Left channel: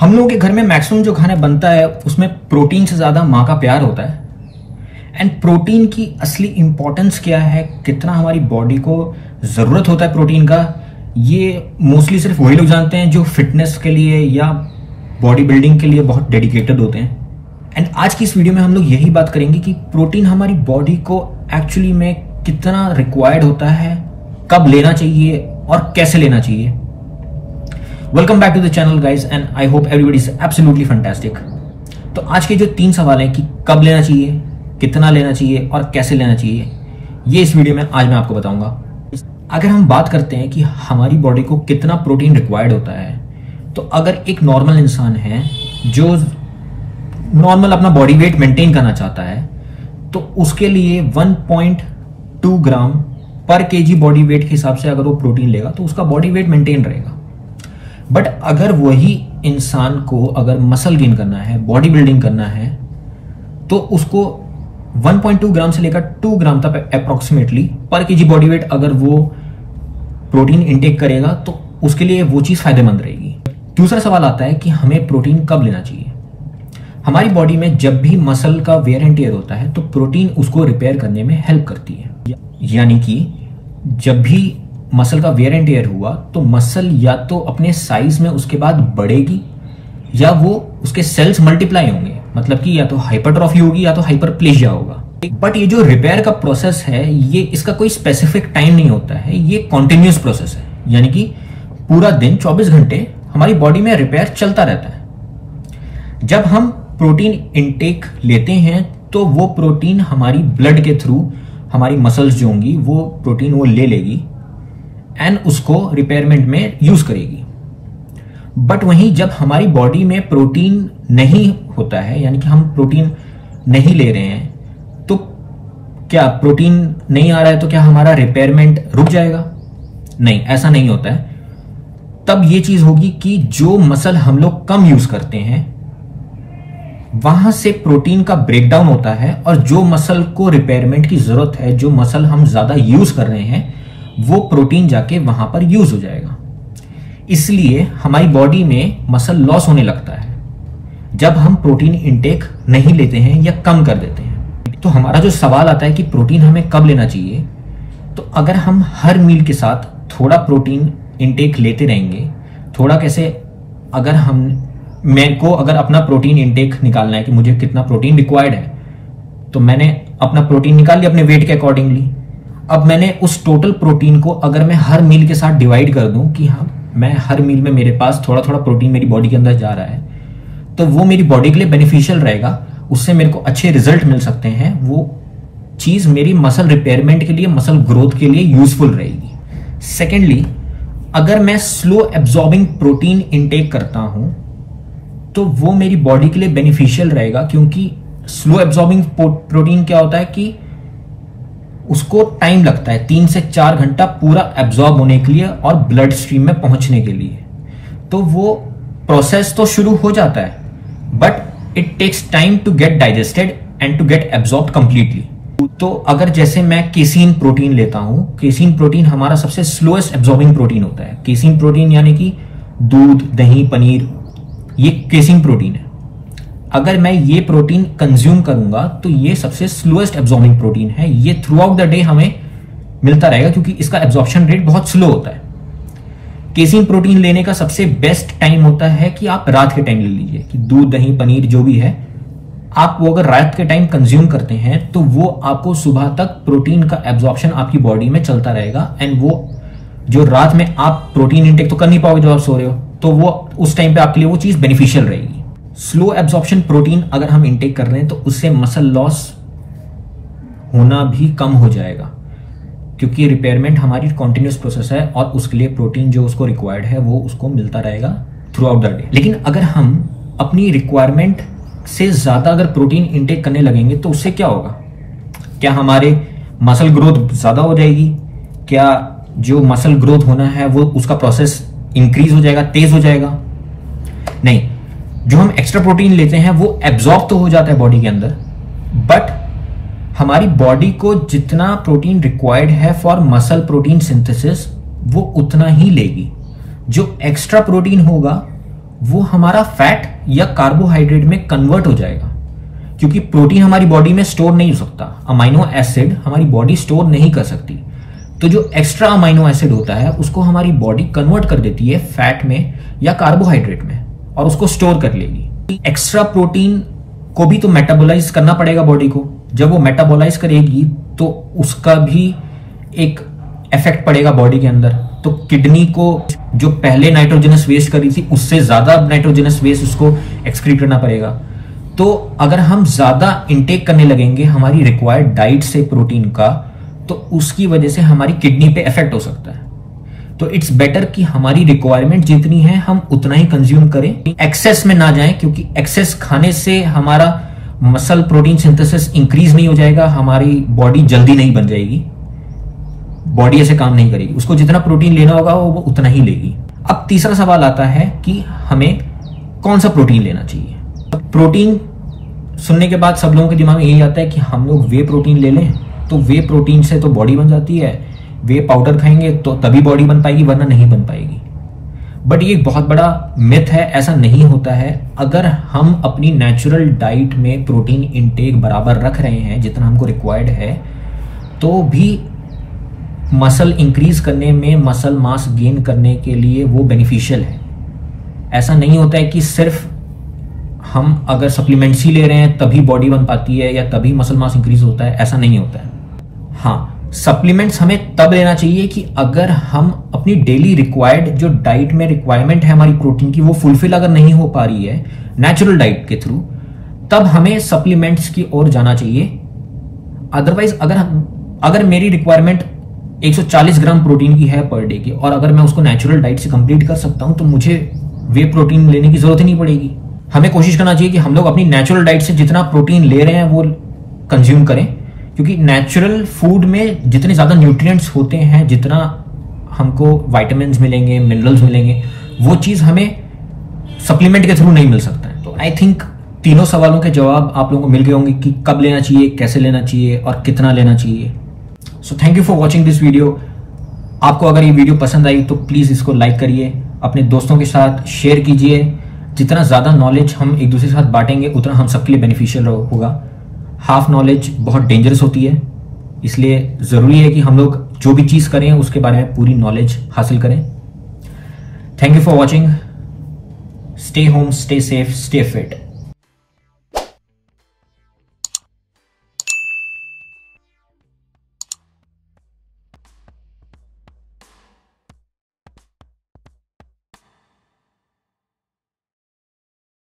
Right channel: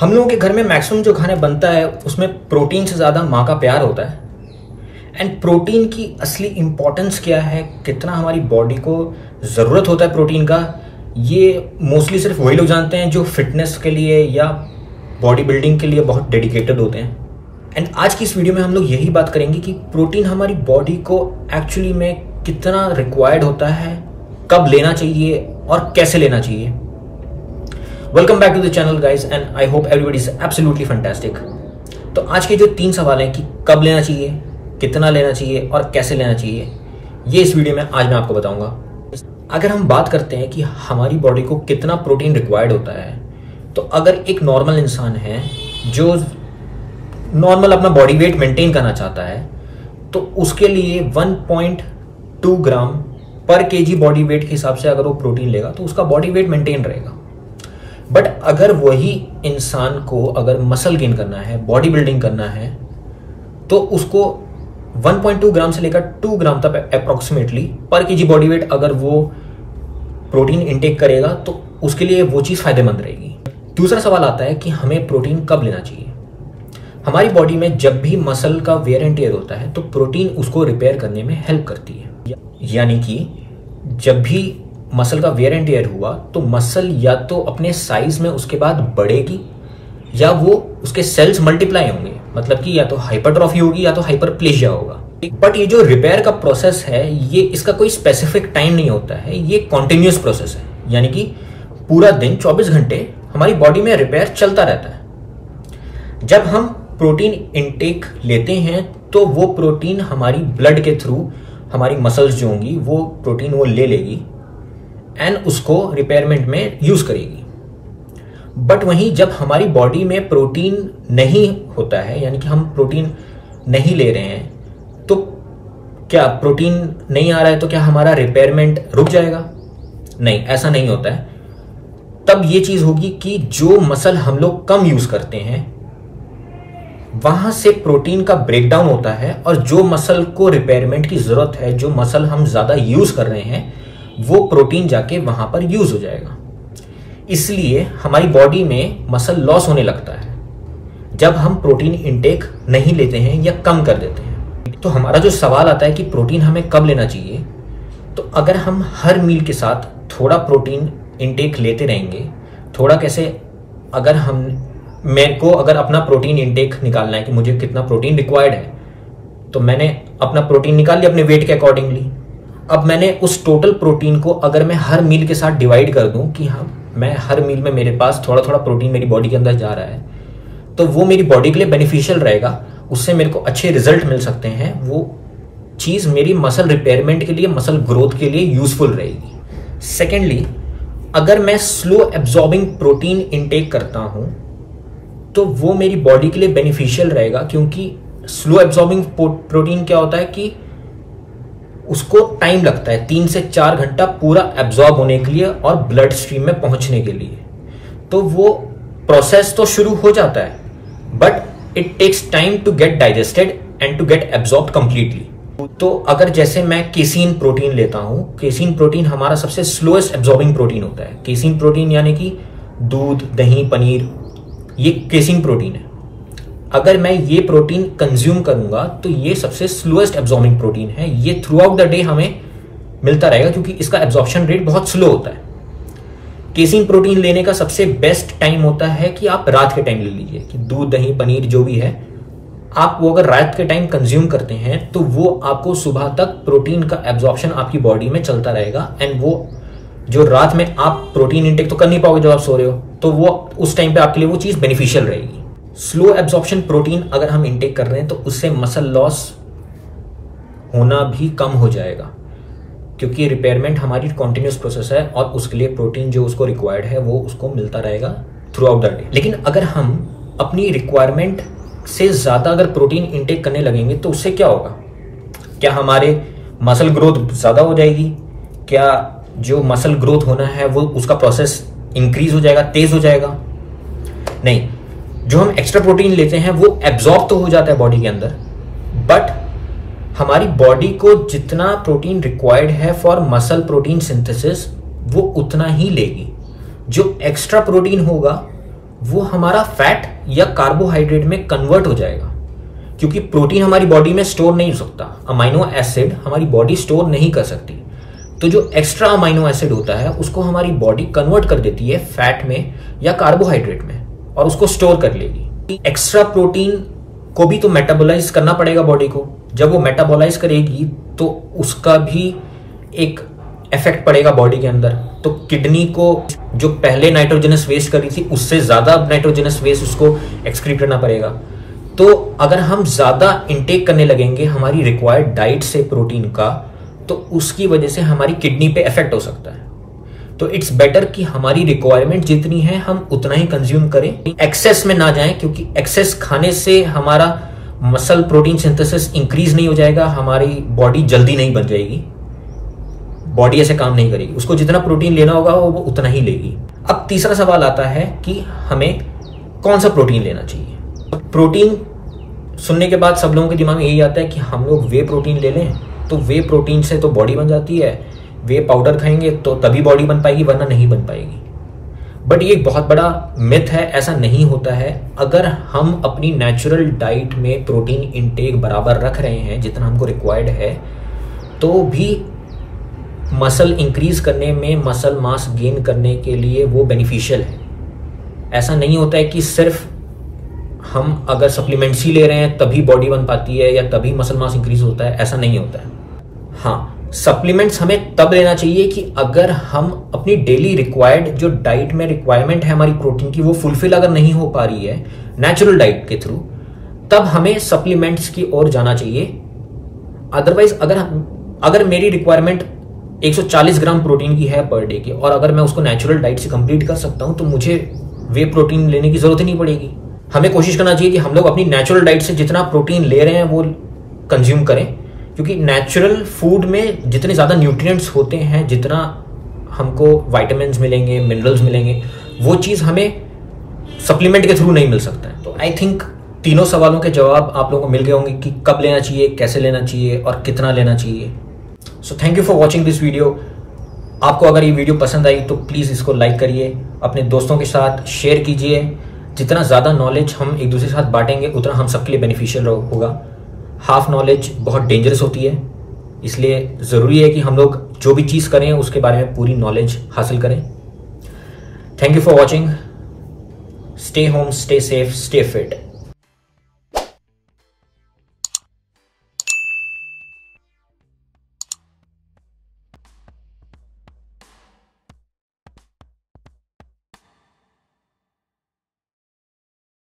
हम लोगों के घर में मैक्सिमम जो खाना बनता है उसमें प्रोटीन से ज्यादा माँ का प्यार होता है। एंड प्रोटीन की असली इंपॉर्टेंस क्या है, कितना हमारी बॉडी को जरूरत होता है प्रोटीन का, ये मोस्टली सिर्फ वही लोग जानते हैं जो फिटनेस के लिए या बॉडी बिल्डिंग के लिए बहुत डेडिकेटेड होते हैं। एंड आज की इस वीडियो में हम लोग यही बात करेंगे कि प्रोटीन हमारी बॉडी को एक्चुअली में कितना रिक्वायर्ड होता है, कब लेना चाहिए और कैसे लेना चाहिए। Welcome back to the channel guys and I hope everybody is absolutely fantastic. तो आज के जो 3 सवाल हैं कि कब लेना चाहिए, कितना लेना चाहिए और कैसे लेना चाहिए, ये इस वीडियो में आज मैं आपको बताऊंगा। अगर हम बात करते हैं कि हमारी बॉडी को कितना प्रोटीन रिक्वायर्ड होता है, तो अगर एक नॉर्मल इंसान है जो नॉर्मल अपना बॉडी वेट मेंटेन करना चाहता है, तो उसके लिए 1.2 ग्राम पर केजी बॉडी वेट के हिसाब से अगर वो प्रोटीन लेगा तो उसका बॉडी वेट मेंटेन रहेगा। बट अगर वही इंसान को अगर मसल गेन करना है, बॉडी बिल्डिंग करना है, तो उसको 1.2 ग्राम से लेकर 2 ग्राम तक अप्रोक्सीमेटली पर केजी बॉडी वेट अगर वो प्रोटीन इंटेक करेगा तो उसके लिए वो चीज फायदेमंद रहेगी। दूसरा सवाल आता है कि हमें प्रोटीन कब लेना चाहिए। हमारी बॉडी में जब भी मसल का वेयर एंड टियर होता है तो प्रोटीन उसको रिपेयर करने में हेल्प करती है। यानी कि जब भी मसल का वेयर एंड टियर हुआ तो मसल या तो अपने साइज में उसके बाद बढ़ेगी या वो उसके सेल्स मल्टीप्लाई होंगे, मतलब कि या तो हाइपरट्रॉफी होगी या तो हाइपरप्लेजिया होगा। बट ये जो रिपेयर का प्रोसेस है, ये इसका कोई स्पेसिफिक टाइम नहीं होता है, ये कॉन्टिन्यूस प्रोसेस है। यानी कि पूरा दिन 24 घंटे हमारी बॉडी में रिपेयर चलता रहता है। जब हम प्रोटीन इंटेक लेते हैं तो वो प्रोटीन हमारी ब्लड के थ्रू हमारी मसल्स जो होंगी वो प्रोटीन वो ले लेगी एंड उसको रिपेयरमेंट में यूज करेगी। बट वहीं जब हमारी बॉडी में प्रोटीन नहीं होता है, यानी कि हम प्रोटीन नहीं ले रहे हैं, तो क्या प्रोटीन नहीं आ रहा है तो क्या हमारा रिपेयरमेंट रुक जाएगा? नहीं, ऐसा नहीं होता है। तब ये चीज होगी कि जो मसल हम लोग कम यूज करते हैं वहां से प्रोटीन का ब्रेकडाउन होता है, और जो मसल को रिपेयरमेंट की जरूरत है, जो मसल हम ज्यादा यूज कर रहे हैं, वो प्रोटीन जाके वहां पर यूज हो जाएगा। इसलिए हमारी बॉडी में मसल लॉस होने लगता है जब हम प्रोटीन इंटेक नहीं लेते हैं या कम कर देते हैं। तो हमारा जो सवाल आता है कि प्रोटीन हमें कब लेना चाहिए, तो अगर हम हर मील के साथ थोड़ा प्रोटीन इंटेक लेते रहेंगे, थोड़ा कैसे, अगर मेरे को अगर अपना प्रोटीन इंटेक निकालना है कि मुझे कितना प्रोटीन रिक्वायर्ड है, तो मैंने अपना प्रोटीन निकाल लिया अपने वेट के अकॉर्डिंगली। अब मैंने उस टोटल प्रोटीन को अगर मैं हर मील के साथ डिवाइड कर दूं कि हाँ, मैं हर मील में मेरे पास थोड़ा थोड़ा प्रोटीन मेरी बॉडी के अंदर जा रहा है, तो वो मेरी बॉडी के लिए बेनिफिशियल रहेगा, उससे मेरे को अच्छे रिजल्ट मिल सकते हैं। वो चीज मेरी मसल रिपेयरमेंट के लिए, मसल ग्रोथ के लिए यूजफुल रहेगी। सेकेंडली, अगर मैं स्लो एब्जॉर्बिंग प्रोटीन इंटेक करता हूं तो वो मेरी बॉडी के लिए बेनिफिशियल रहेगा, क्योंकि स्लो एब्जॉर्बिंग प्रोटीन क्या होता है कि उसको टाइम लगता है 3 से 4 घंटा पूरा एब्जॉर्ब होने के लिए और ब्लड स्ट्रीम में पहुंचने के लिए। तो वो प्रोसेस तो शुरू हो जाता है, but it takes time to get digested and to get absorb completely. तो अगर जैसे मैं केसीन प्रोटीन लेता हूं, केसीन प्रोटीन हमारा सबसे स्लोएस्ट एब्जॉर्बिंग प्रोटीन होता है। केसीन प्रोटीन यानी कि दूध, दही, पनीर, ये केसीन प्रोटीन है। अगर मैं ये प्रोटीन कंज्यूम करूंगा तो ये सबसे स्लोएस्ट एब्जॉर्बिंग प्रोटीन है। ये थ्रू आउट द डे हमें मिलता रहेगा क्योंकि इसका एब्जॉर्प्शन रेट बहुत स्लो होता है। केसीन प्रोटीन लेने का सबसे बेस्ट टाइम होता है कि आप रात के टाइम ले लीजिए, कि दूध, दही, पनीर जो भी है, आप वो अगर रात के टाइम कंज्यूम करते हैं तो वो आपको सुबह तक प्रोटीन का एब्जॉर्प्शन आपकी बॉडी में चलता रहेगा। एंड वो जो रात में आप प्रोटीन इंटेक तो कर नहीं पाओगे जब आप सो रहे हो, तो वो उस टाइम पे आपके लिए वो चीज बेनिफिशियल रहेगी। स्लो एब्जॉर्प्शन प्रोटीन अगर हम इंटेक कर रहे हैं तो उससे मसल लॉस होना भी कम हो जाएगा, क्योंकि रिपेयरमेंट हमारी कॉन्टिन्यूस प्रोसेस है और उसके लिए प्रोटीन जो उसको रिक्वायर्ड है वो उसको मिलता रहेगा थ्रू आउट द डे। लेकिन अगर हम अपनी रिक्वायरमेंट से ज्यादा अगर प्रोटीन इंटेक करने लगेंगे तो उससे क्या होगा? क्या हमारे मसल ग्रोथ ज्यादा हो जाएगी? क्या जो मसल ग्रोथ होना है वो उसका प्रोसेस इंक्रीज हो जाएगा, तेज हो जाएगा? नहीं, जो हम एक्स्ट्रा प्रोटीन लेते हैं वो एब्जॉर्ब तो हो जाता है बॉडी के अंदर, बट हमारी बॉडी को जितना प्रोटीन रिक्वायर्ड है फॉर मसल प्रोटीन सिंथेसिस वो उतना ही लेगी। जो एक्स्ट्रा प्रोटीन होगा वो हमारा फैट या कार्बोहाइड्रेट में कन्वर्ट हो जाएगा, क्योंकि प्रोटीन हमारी बॉडी में स्टोर नहीं हो सकता, अमाइनो एसिड हमारी बॉडी स्टोर नहीं कर सकती। तो जो एक्स्ट्रा अमाइनो एसिड होता है उसको हमारी बॉडी कन्वर्ट कर देती है फैट में या कार्बोहाइड्रेट में और उसको स्टोर कर लेगी। एक्स्ट्रा प्रोटीन को भी तो मेटाबोलाइज करना पड़ेगा बॉडी को। जब वो मेटाबोलाइज करेगी तो उसका भी एक इफेक्ट पड़ेगा बॉडी के अंदर। तो किडनी को जो पहले नाइट्रोजनस वेस्ट कर रही थी उससे ज्यादा नाइट्रोजनस वेस्ट उसको एक्सक्रीट करना पड़ेगा। तो अगर हम ज्यादा इनटेक करने लगेंगे हमारी रिक्वायर्ड डाइट से प्रोटीन का, तो उसकी वजह से हमारी किडनी पे इफेक्ट हो सकता है। तो इट्स बेटर कि हमारी रिक्वायरमेंट जितनी है हम उतना ही कंज्यूम करें, एक्सेस में ना जाएं, क्योंकि एक्सेस खाने से हमारा मसल प्रोटीन सिंथेसिस इंक्रीज नहीं हो जाएगा, हमारी बॉडी जल्दी नहीं बन जाएगी, बॉडी ऐसे काम नहीं करेगी। उसको जितना प्रोटीन लेना होगा वो उतना ही लेगी। अब तीसरा सवाल आता है कि हमें कौन सा प्रोटीन लेना चाहिए। प्रोटीन सुनने के बाद सब लोगों के दिमाग में यही आता है कि हम लोग वे प्रोटीन ले लें, तो वे प्रोटीन से तो बॉडी बन जाती है, वे पाउडर खाएंगे तो तभी बॉडी बन पाएगी वरना नहीं बन पाएगी। बट ये एक बहुत बड़ा मिथ है, ऐसा नहीं होता है। अगर हम अपनी नेचुरल डाइट में प्रोटीन इनटेक बराबर रख रहे हैं जितना हमको रिक्वायर्ड है, तो भी मसल इंक्रीज करने में, मसल मास गेन करने के लिए वो बेनिफिशियल है। ऐसा नहीं होता है कि सिर्फ हम अगर सप्लीमेंट्स ही ले रहे हैं तभी बॉडी बन पाती है या तभी मसल मास इंक्रीज होता है, ऐसा नहीं होता है। हाँ, सप्लीमेंट्स हमें तब लेना चाहिए कि अगर हम अपनी डेली रिक्वायर्ड जो डाइट में रिक्वायरमेंट है हमारी प्रोटीन की वो फुलफिल अगर नहीं हो पा रही है नेचुरल डाइट के थ्रू, तब हमें सप्लीमेंट्स की ओर जाना चाहिए। अदरवाइज अगर मेरी रिक्वायरमेंट 140 ग्राम प्रोटीन की है पर डे की और अगर मैं उसको नेचुरल डाइट से कंप्लीट कर सकता हूं तो मुझे वे प्रोटीन लेने की जरूरत ही नहीं पड़ेगी। हमें कोशिश करना चाहिए कि हम लोग अपनी नेचुरल डाइट से जितना प्रोटीन ले रहे हैं वो कंज्यूम करें, क्योंकि नेचुरल फूड में जितने ज्यादा न्यूट्रिएंट्स होते हैं, जितना हमको विटामिन मिलेंगे, मिनरल्स मिलेंगे, वो चीज हमें सप्लीमेंट के थ्रू नहीं मिल सकता है। तो आई थिंक तीनों सवालों के जवाब आप लोगों को मिल गए होंगे कि कब लेना चाहिए, कैसे लेना चाहिए और कितना लेना चाहिए। So thank you for watching this video. आपको अगर ये वीडियो पसंद आई तो प्लीज इसको लाइक करिए, अपने दोस्तों के साथ शेयर कीजिए। जितना ज्यादा नॉलेज हम एक दूसरे के साथ बांटेंगे उतना हम सबके लिए बेनिफिशियल होगा। हाफ नॉलेज बहुत डेंजरस होती है, इसलिए जरूरी है कि हम लोग जो भी चीज करें उसके बारे में पूरी नॉलेज हासिल करें। Thank you for watching. Stay home, stay safe, stay fit.